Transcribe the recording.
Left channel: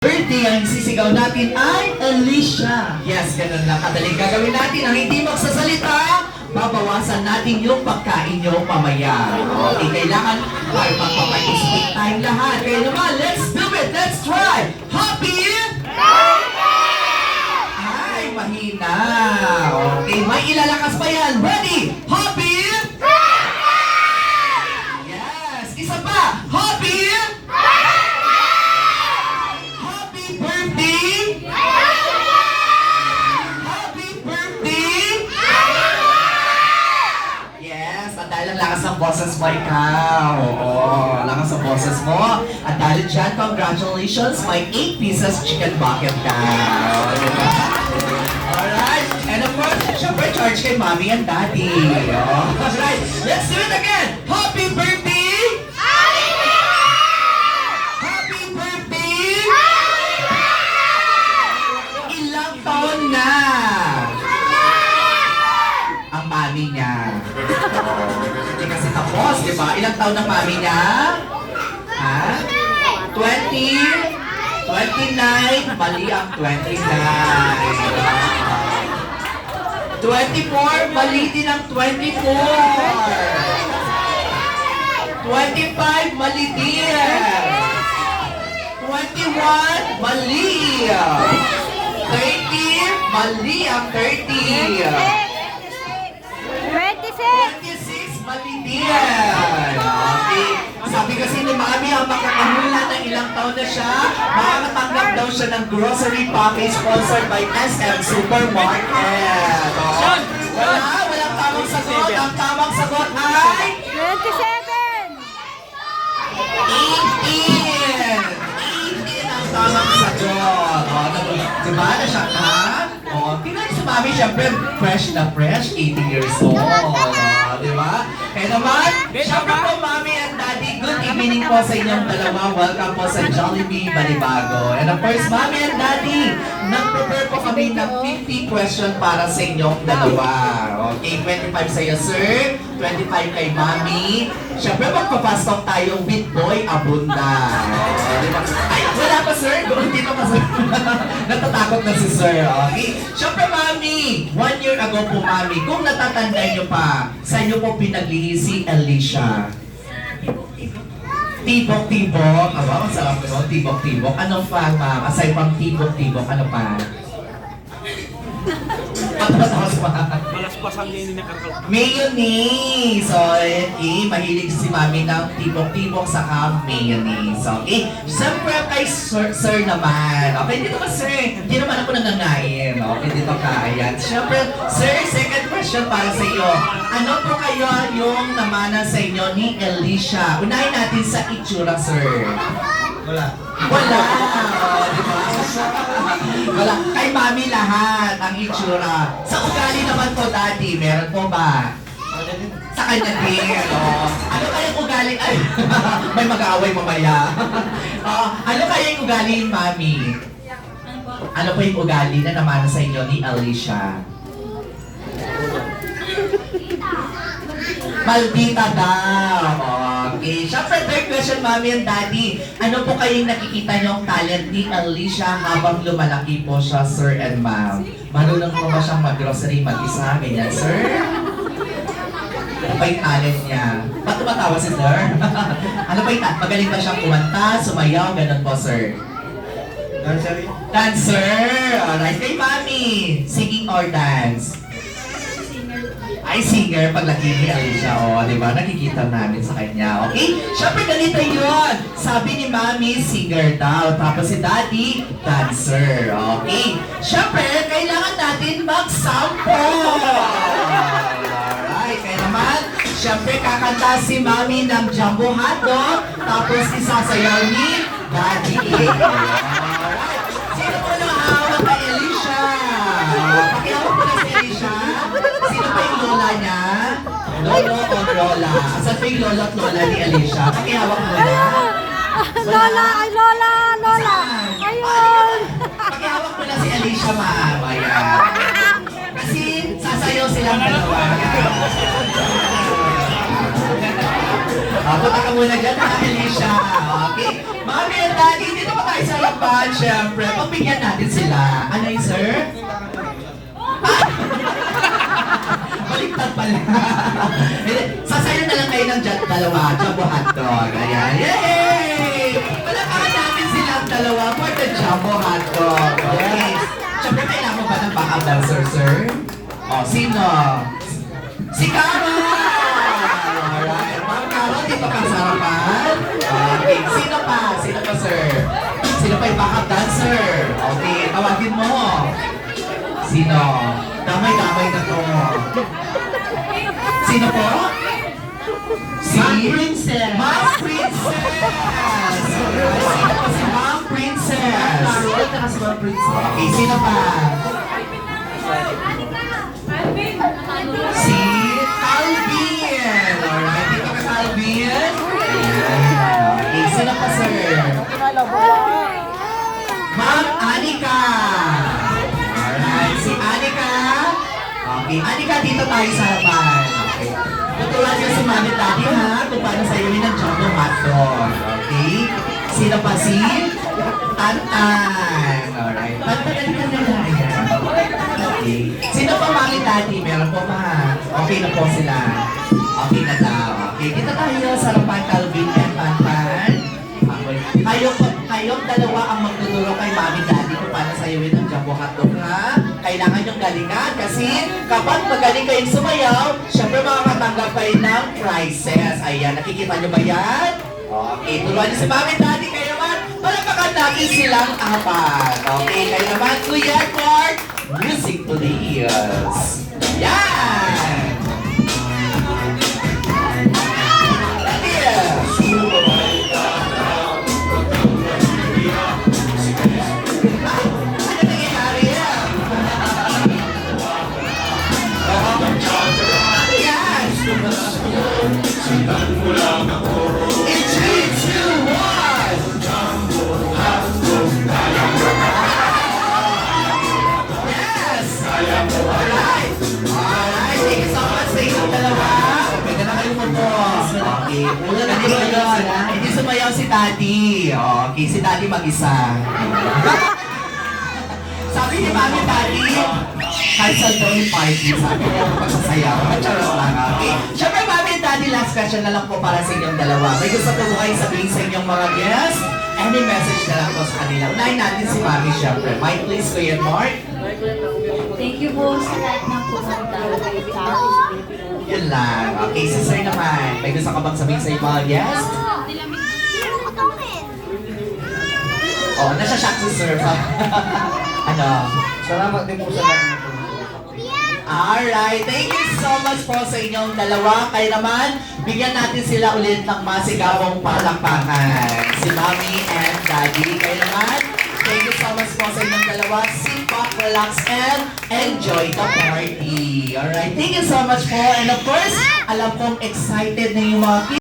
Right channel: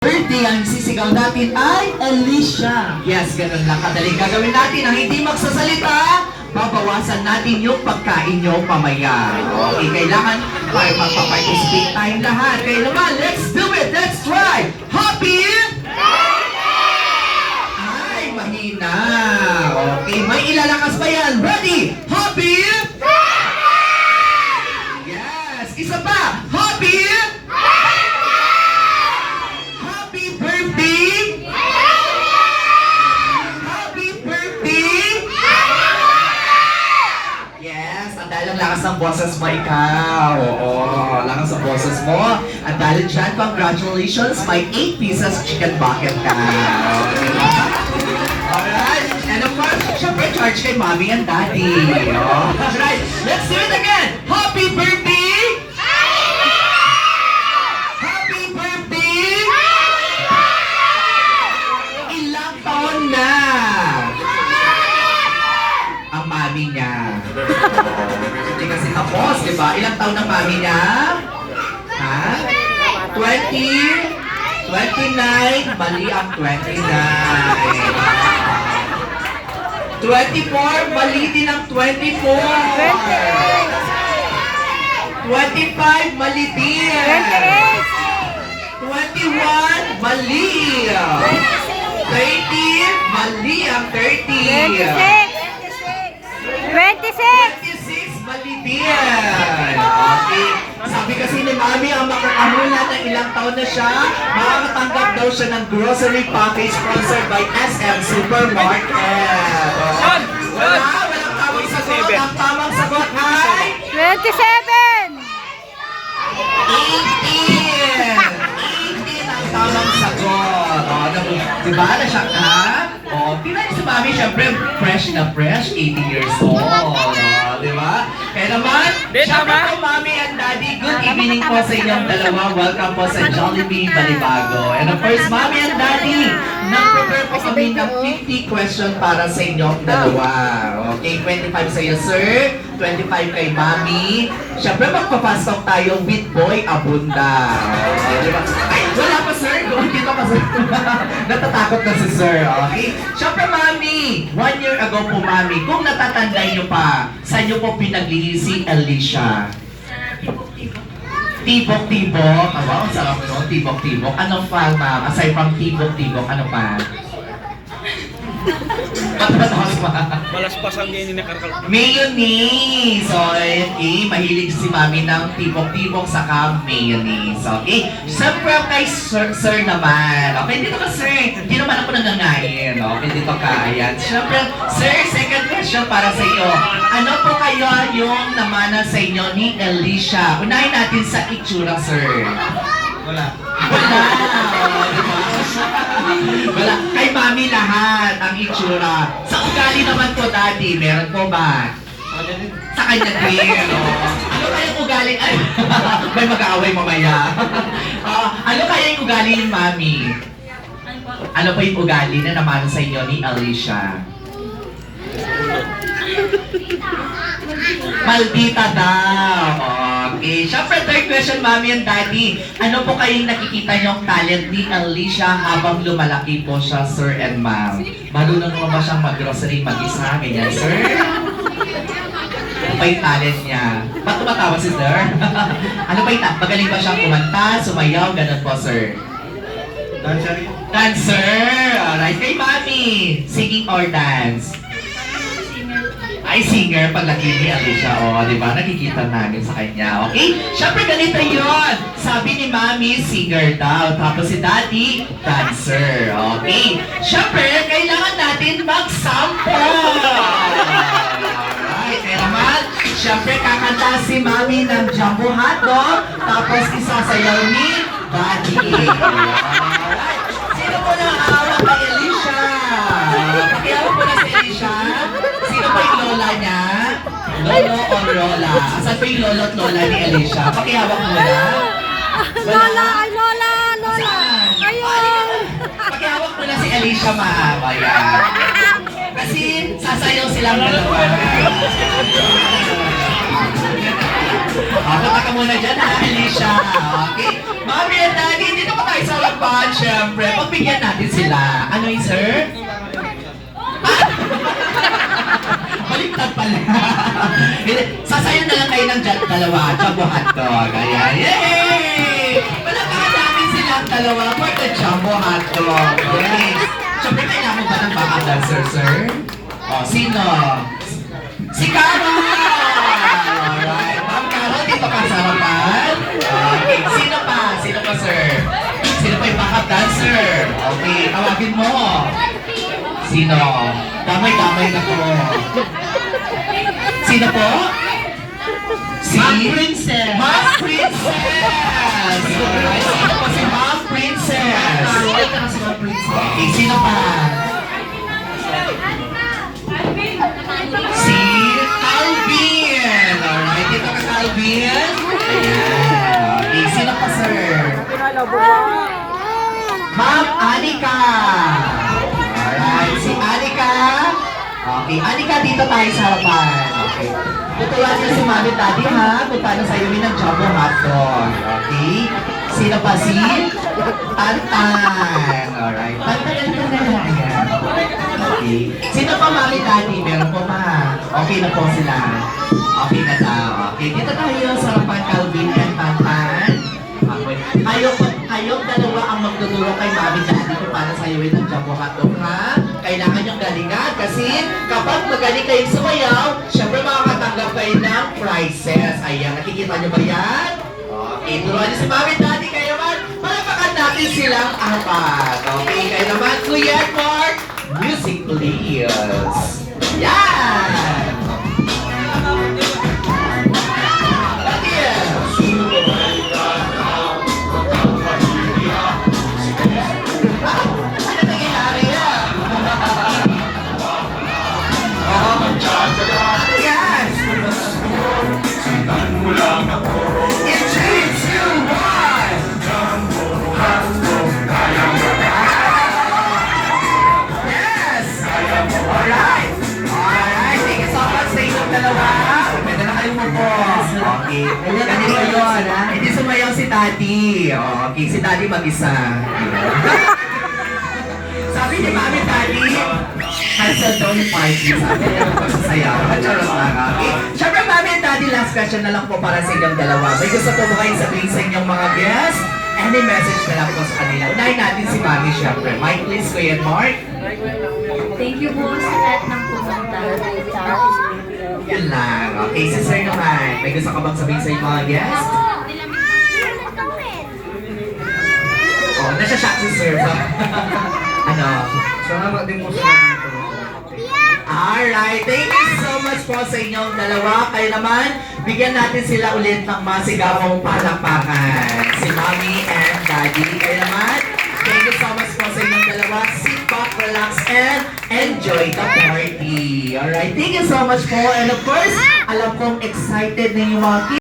Birthday ang sisigaw natin ay Alicia. Yes, ganun lang kadaling gagawin natin. Ang hindi magsasalita, babawasan natin yung pagkain nyo pamaya. Okay, kailangan para magpa-participate tayong lahat. Kaya naman, let's do it! Let's try! Happy birthday! Ay, mahina. Okay, may ilalakas pa yan. Ready? Happy birthday! Yes, isa pa. Happy birthday! Happy birthday! Yes, at dahil ang lakas ng boses mo ikaw. Oo, lakas ng boses mo. At dahil dyan, congratulations, may 8 pieces chicken bucket na. Alright, and of course, syempre charge kay mommy and daddy. Alright, let's do it again! Happy birthday! Na ang mami niya. Hindi kasi tapos, di ba? Ilang taon ng mami niya? Ha? 20? 29? Mali ang 29. 24? Mali din ang 24. 25? Mali din. 21? Mali. 30, mali ang 30. 26, mali din. Okay. Sabi kasi ni Mami, ang makakahula ng ilang taon na siya, makakatanggap daw siya ng grocery package sponsored by SM Supermarket. Walang tamang sagot. Ang tamang sagot ay 27. 18 ang tamang sagot. Diba? Na-shock na? Tingnan niyo si Mami, syempre, fresh na fresh, 80 years old. Diba? Kaya naman, syempre po, Mami and Daddy, good evening po sa inyong dalawa. Welcome po sa Jollibee Balibago. And of course, Mami and Daddy, nag-prepare po kami ng 50 question para sa inyong dalawa. Okay, 25 sa iyo, sir. 25 kay Mami. Syempre, magpa-fast talk tayo with Boy Abunda. Diba? Ay, wala pa, sir. Dito pa, sir. Natatakot na si sir. Okay? Syempre, Mami, 1 year ago po, Mami, kung natatandaan nyo pa, sa inyo po pinaglihi si Alicia. Tibok-tibok. Aba, ang sarap nun. Tibok-tibok. Ano pa, ma'am? Aside from tibok-tibok, ano pa? Patatas pa. Malaspasan niya ni Karkal. Mayonnaise. So, okay. Mahilig si Mami ng tibok-tibok saka mayonnaise. Okay. Siyempre kay sir naman. Okay, dito ka, sir. Hindi naman ako nangangain. Okay, dito ka. Ayan. Siyempre, sir, second question para sa iyo. Ano po kaya yung namana sa inyo ni Alicia? Unahin natin sa itsura, sir. Wala. Wala. Diba? Wala. Kay Mami lahat ang itsura. Sa ugali naman po, Daddy, meron po ba? Sa kanya din. Ano kaya yung ugali? Ay, may mag-aaway mamaya. Ano kaya yung ugali ni Mami? Ano pa yung ugali na naman sa inyo ni Alicia? Maldita daw. Okay. Siyempre, third question, Mami and Daddy. Ano po kayong nakikita niyong talent ni Alicia habang lumalaki po siya, Sir and Ma'am? Marunong mo ba siyang mag-grocery mag-isa? Ganyan, Sir? Ano ba yung talent niya? Ba't tumatawa si Sir? Ano ba yung talent? Magaling ba siyang kumanta, sumayaw, ganun po, Sir? Dancer. Dancer! Alright, kay Mami. Singing or dance? Ay, singer, paglaki ni Alicia. Di ba? Nakikita namin sa kanya. Okay? Siyempre, ganito yun. Sabi ni Mami, singer daw. Tapos si Daddy, dancer. Okay? Siyempre, kailangan natin mag-sample. Alright. Kaya naman, siyempre, kakanta si Mami ng Jumbo Hotdog. Tapos, isasayaw ni Daddy. Alright. Sino po na hawak kay Alicia? Pakihawak po na si Alicia. Sino pa yung lola niya? Lolo o lola? Asan pa yung lolo at lola ni Alicia? Pakihawak mo na. Lola, ay Lola, Lola. Ayun. Pakihawak mo na si Alicia, maawa yan. Kasi sasayaw silang dalawa. Punta ka muna dyan, ha, Alicia. Okay? Mami and Daddy, dito pa tayo sa harapan, syempre. Pagbigyan natin sila. Ano yun, sir? Baliktad pala. Sasayin na lang kayo ng dalawa. Jumbo hotdog. Ayan. Yay! Palakaran natin silang dalawa for the jumbo hotdog. Okay. Siyempre, kailangan mo ba ng backup dancer, sir? O, sino? Si Carol! Alright. Ma'am Carol, dito ka sa harapan. Okay. Sino pa? Sino pa, sir? Sino pa yung backup dancer? Okay. Tawagin mo. Sino? Damay-damay na to. Sino po? Si Ma'am Princess. Ma'am Princess! Sino po si Ma'am Princess? Carol, ka na si Ma'am Princess. Okay, sino pa? Si Alvin! Alright, dito ka sa Alvin. Okay, sino pa, sir? Ma'am Anika! Alright, si Anika. Okay, Anika, dito tayo sa harapan. Okay. Tuturuan niyo si Mami Daddy, ha? Kung paano sa'yo ng jumbo hotdog. Okay? Sino pa si Tantan? Alright. Tantan, dito na yan. Okay. Sino pa Mami Daddy? Meron po, ma. Okay na po sila. Okay na daw. Okay, dito tayo sa harapan, Calvin and Tantan. Okay. Kayong dalawa ang magtuturo kay Mami Daddy kung paano sayawin ang jumbo hotdog, ha? Kailangan yung galingan kasi kapag magaling kayong sumayaw, syempre makakatanggap kayo ng prizes. Ayan, nakikita nyo ba yan? Okay, turuan nyo si Mami Daddy. Kayo naman, palakakan natin silang apat. Okay, kayo naman, Kuya Mark, music please. Yan! Hindi sumayaw si Daddy. Okay, si Daddy mag-isa. Sabi ni Mami Daddy, cancel daw yung party. Sabi niya pagsasayaw. Charot lang. Okay? Siyempre, Mami and Daddy, last question na lang po para sa inyong dalawa. May gusto po ba kayong sabihin sa inyong mga guests? Any message na lang po sa kanila? Unahin natin si Mami, siyempre. Mike, please, Kuya Mark. Thank you po sa lahat ng pumunta. Yun lang. Okay, si Sir naman. May gusto ka bang sabihin sa inyong mga guests? Oh, nasa-shock si Sir. Ano? Salamat din po sa lahat. Alright, thank you so much po sa inyong dalawa. Kayo naman, bigyan natin sila ulit ng masigawang palakpakan. Si Mommy and Daddy. Kayo naman, thank you so much po sa inyong dalawa. Sit back, relax, and enjoy the party. Alright, thank you so much po. And of course, alam kong excited na yung mga kids.